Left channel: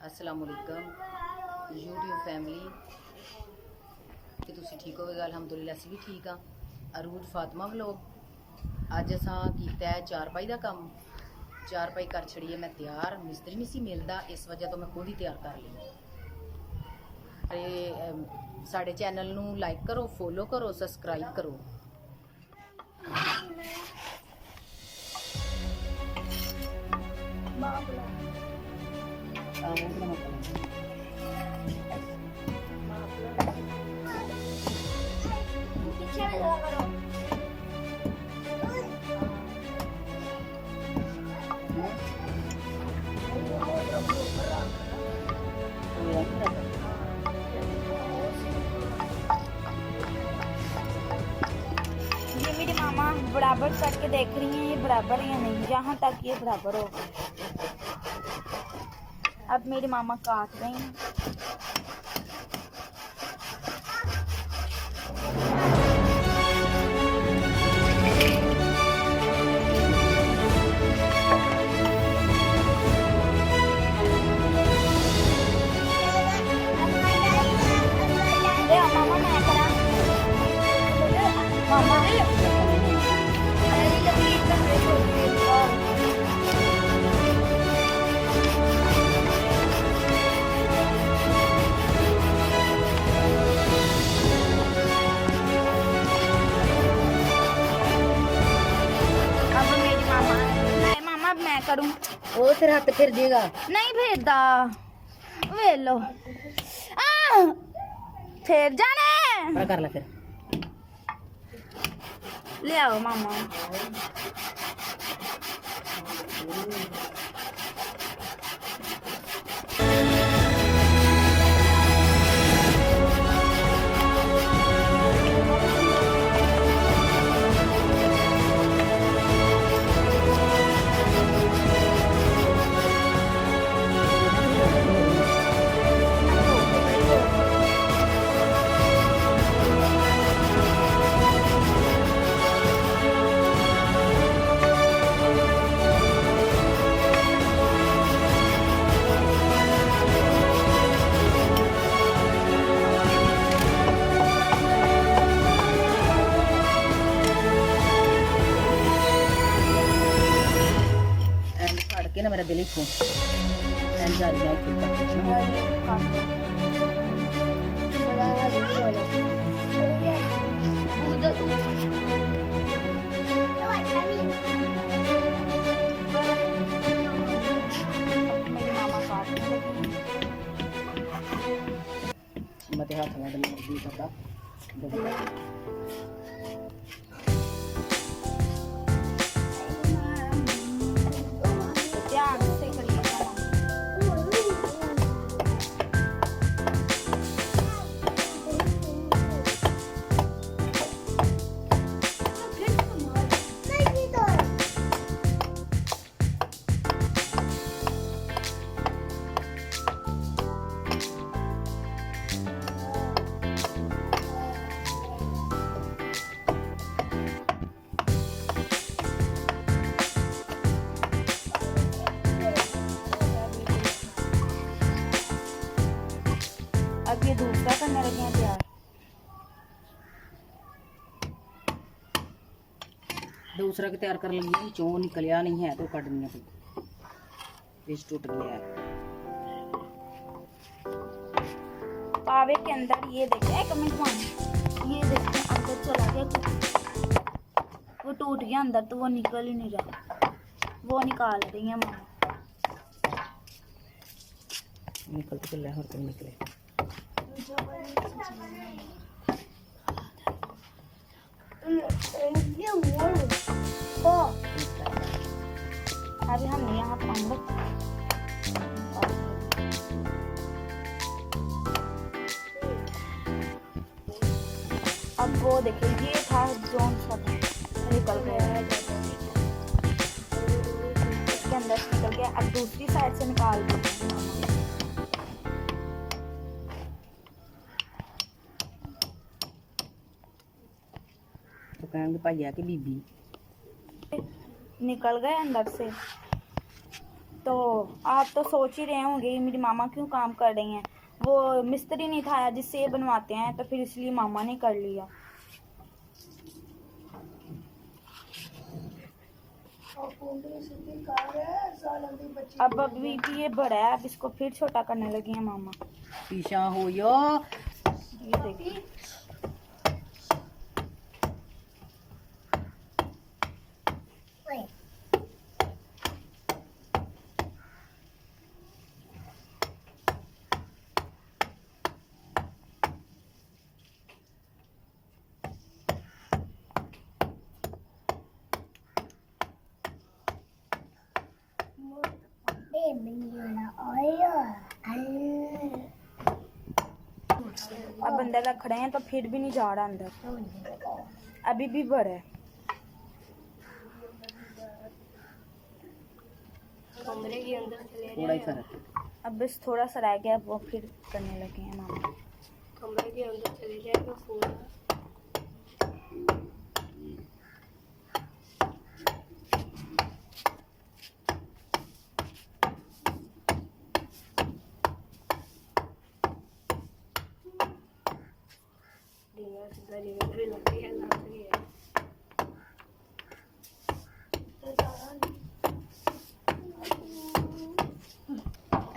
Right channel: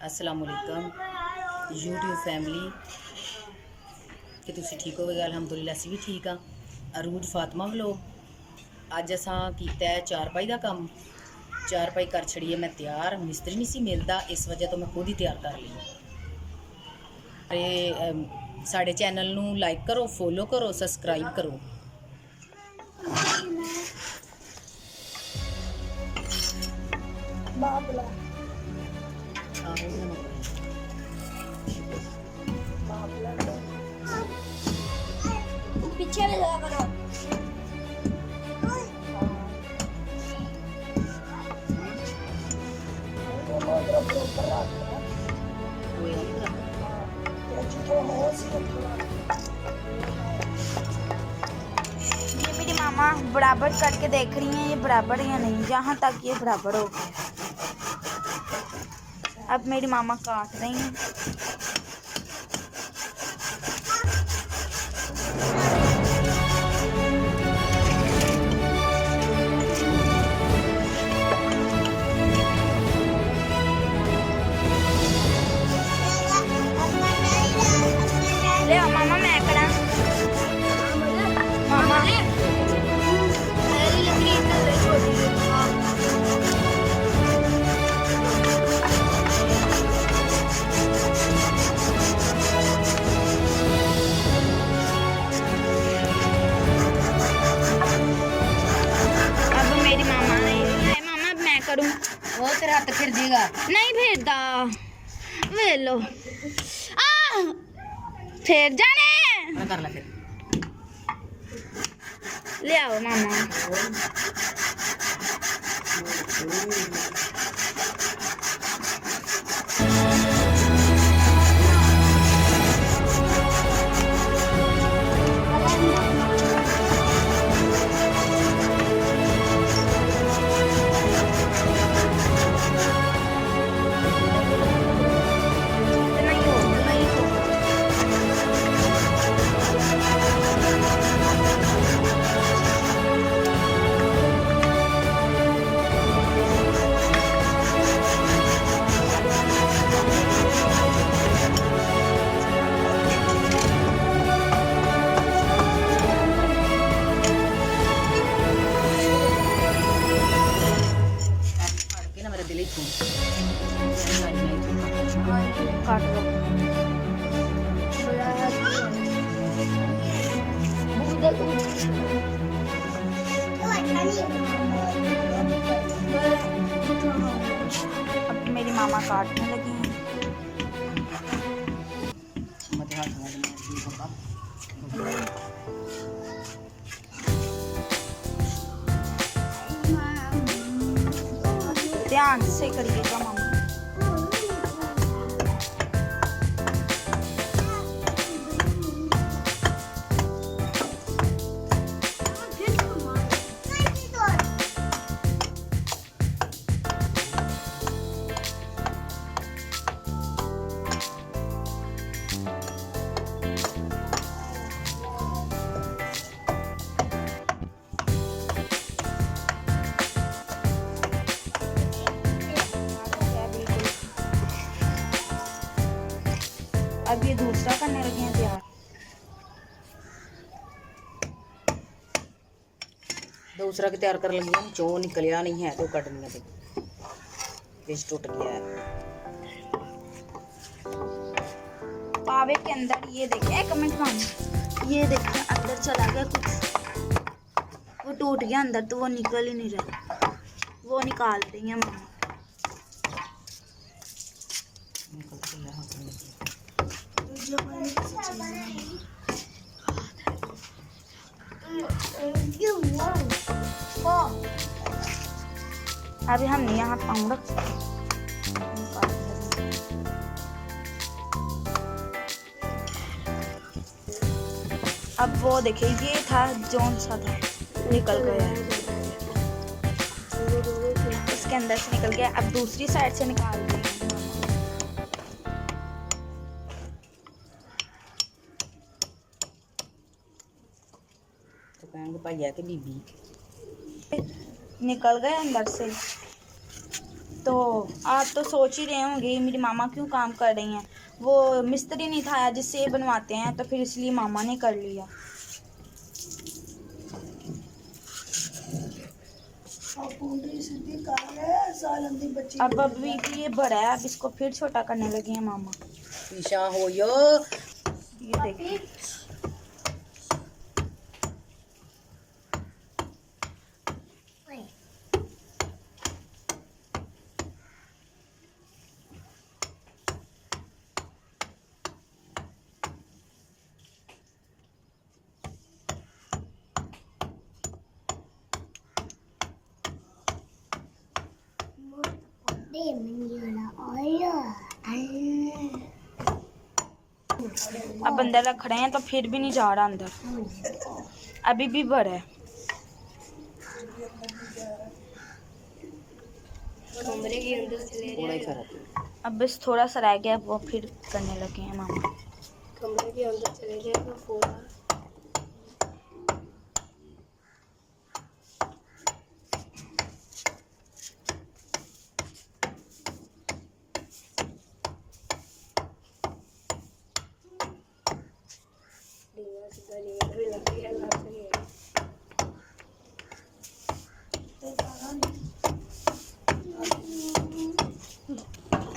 अस्सलाम वालेकुम YouTube family कि तुसी ठीक होवेगा। अलहमदुलिल्लाह असीं भी ठीक हाँ। अरूज फातिमा व्लॉग। अज असां कीता है चारपाई का कम। चारपाई कर छड़ी है मैं तैयार, मिस्त्री नहीं सी मिलता, इस वजह तो मैं खुद ही तैयार कर ली। साढ़े चैनल नू लाइक करो, फॉलो करो, सबसक्राइब करो। पीछे भी लगा करो। ये मेरी मामा बराबर करके देख रही हैं, ये बराबर या नहीं। यहाँ तक ये बराबर हो गया। अब मेरी मामा काट रही हैं। ले आओ मामा, मैं करा मामा। अब मेरी मामा नहीं, मामा अब मैं करूं। वो फिर हाथ फिर जेगा नहीं फिरदा, वे लो फिर जाने। कर ला फिर। ले आओ मामा। ना मेरा दिल ही थू काट दो। अब मेरी मामा काटने लगी हैं। मत हाथ में मर्जी बाबा। ध्यान से करिएगा मामा। अब ये दूसरा करने लगे हैं तैयार। दूसरा के तैयार कर लगी हम। चो निकलिया नहीं है तो कटनी है, पेच टूट गया है। पावे के अंदर ये देखे, एक मिनट मामा, ये देखे अंदर चला गया कुछ, वो टूट गया अंदर, तो वो निकल ही नहीं रहा। वो निकाल रही है मामा। निकल तो चल रहा है, निकले। अभी हम यहाँ पाऊँ रख। अब वो देखिए, ये था जोन सा था, निकल गया है। इसके अंदर से निकल गया। अब दूसरी साइड से निकाल दिया। तो कहेंगे भैया कि बीबी निकल गए अंदर से, तो आप तो सोच ही रहे होंगे मेरी मामा क्यों काम कर रही हैं, वो मिस्त्री नहीं था जिससे ये बनवाते हैं, तो फिर इसलिए मामा ने कर लिया। अब अभी भी ये बड़ा है, अब इसको फिर छोटा करने लगी हैं मामा। पीछा हो यो। ये देखिए अब अंदर रख रहे हैं तो फिर भी नहीं जा रहा अंदर, अभी भी बड़ा है। थोड़ा ही फर्क। अब बस थोड़ा सा रह गया, वो फिर करने लगे हैं मामा। कमरे के अंदर चले गए तो फोड़ा।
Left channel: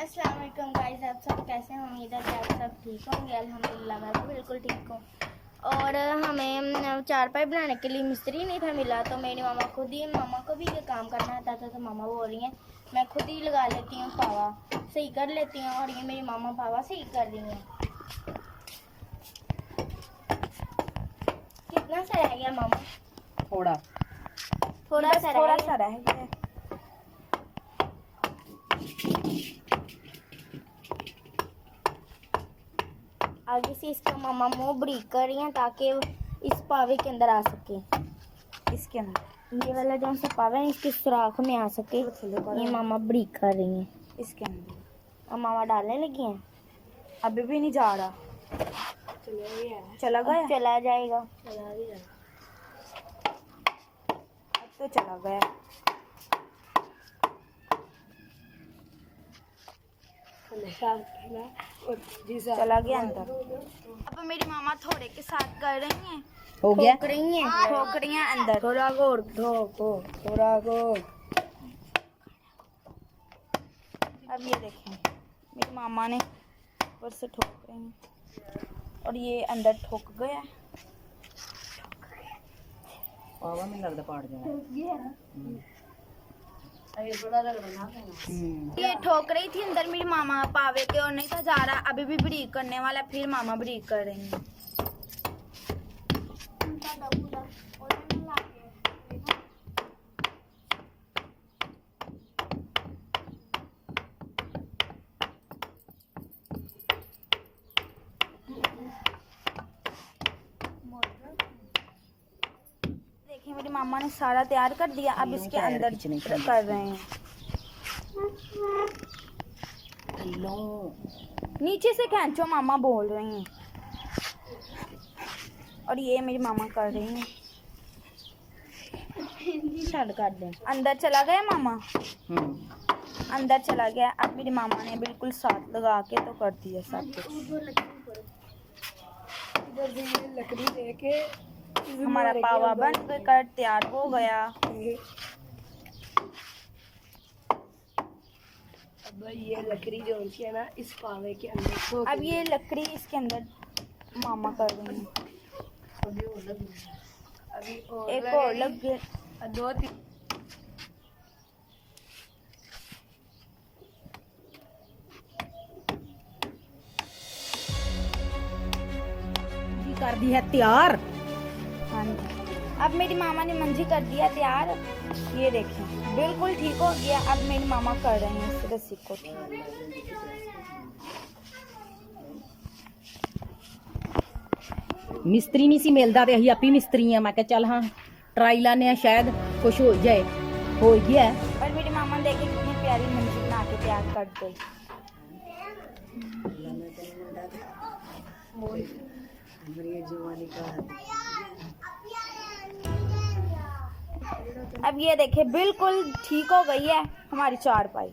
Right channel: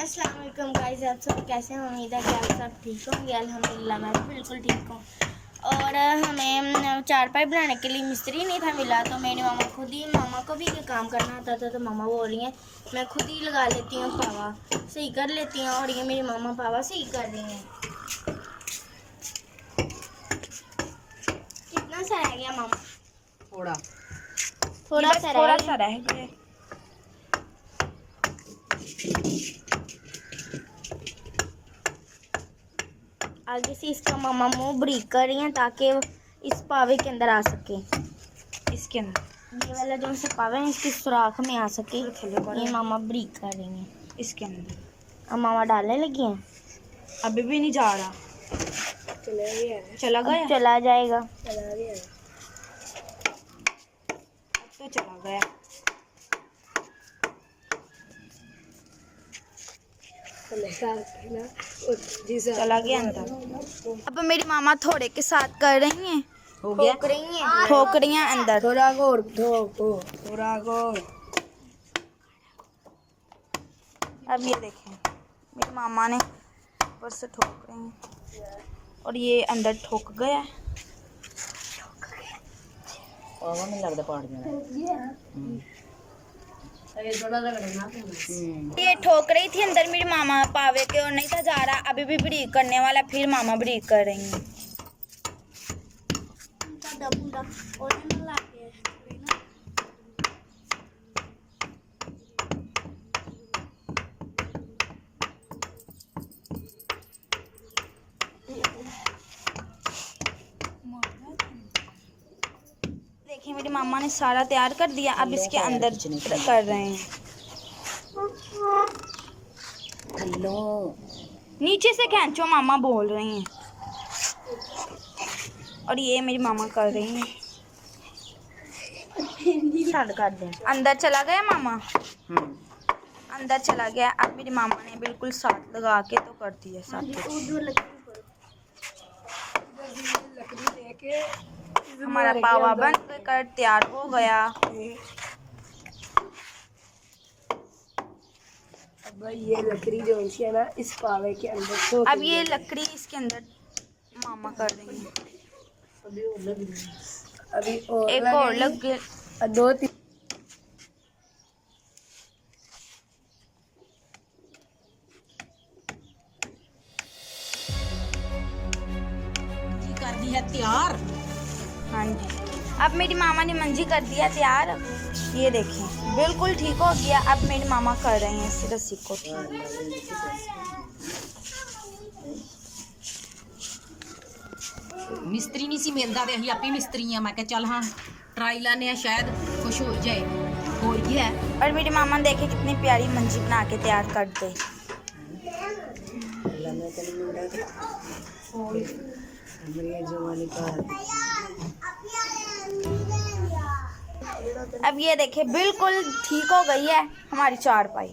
अस्सलाम वालेकुम गाइस, आप सब कैसे हैं? उम्मीद है कि आप सब ठीक होंगे। अल्हम्दुलिल्लाह मैं भी बिल्कुल ठीक हूँ। और हमें चारपाई बनाने के लिए मिस्त्री नहीं था मिला, तो मेरी मामा खुद ही, मामा को भी ये काम करना आता था, तो मामा बोल रही हैं मैं खुद ही लगा लेती हूँ, पावा सही कर लेती हूँ। और ये मेरी मामा पावा सही कर रही हैं। कितना सा रह गया मामा? थोड़ा थोड़ा सा रह गया। आगे से इसका मामा मुंह ब्रीक कर रही हैं ताकि इस पावे के अंदर आ सके। इसके अंदर ये वाला जो सा पावा है इसके सुराख में आ सके, ये मामा ब्रीक कर रही हैं इसके अंदर। अब मामा डालने लगी हैं, अभी भी नहीं जा रहा। चला गया, चला जाएगा, अब तो चला गया। चला गया अंदर। अब मेरी मामा थोड़े के साथ कर रही हैं, हो गया। ठोक रही हैं अंदर। थोड़ा गोर थोड़ा गोर। अब ये देखें मेरी मामा ने ऊपर से ठोक रही हैं और ये अंदर ठोक गया। पावा में लगता पाड़ जाना। ये ठोक रही थी अंदर मेरी मामा पावे के और नहीं था जा रहा, अभी भी ब्रीक करने वाला, फिर मामा ब्रीक कर रही हैं। देखिए मेरी मामा ने सारा तैयार कर दिया, अब इसके अंदर कर रहे हैं। हेलो, नीचे से खींचो मामा बोल रही हैं। और ये मेरी मामा कर रही हैं। कर दें। अंदर चला गया मामा, अंदर चला गया। अब मेरी मामा ने बिल्कुल साथ लगा के तो कर दिया सब कुछ। लकड़ी लेके हमारा पावा बन कर तैयार हो गया। अब ये लकड़ी जो है ना इस पावे के अंदर, अब ये लकड़ी इसके अंदर मामा कर रही हैं। अभी एक और लग गया, 2-3 कर दी है तैयार। हाँ जी, अब मेरी मामा ने मंजी कर दिया तैयार। ये देखें बिल्कुल ठीक हो गया। अब मेरी मामा कर रहे हैं इस रस्सी को ठीक। मिस्त्री नहीं सी मिलता तो अं आप ही मिस्त्री हैं। मैं कहा चल हाँ ट्राई लाने, शायद कुछ हो जाए। हो गया है। और मेरी मामा देखे कितनी प्यारी मंजी बना के तैयार कर दी। अब ये देखे बिल्कुल ठीक हो गई है हमारी चारपाई।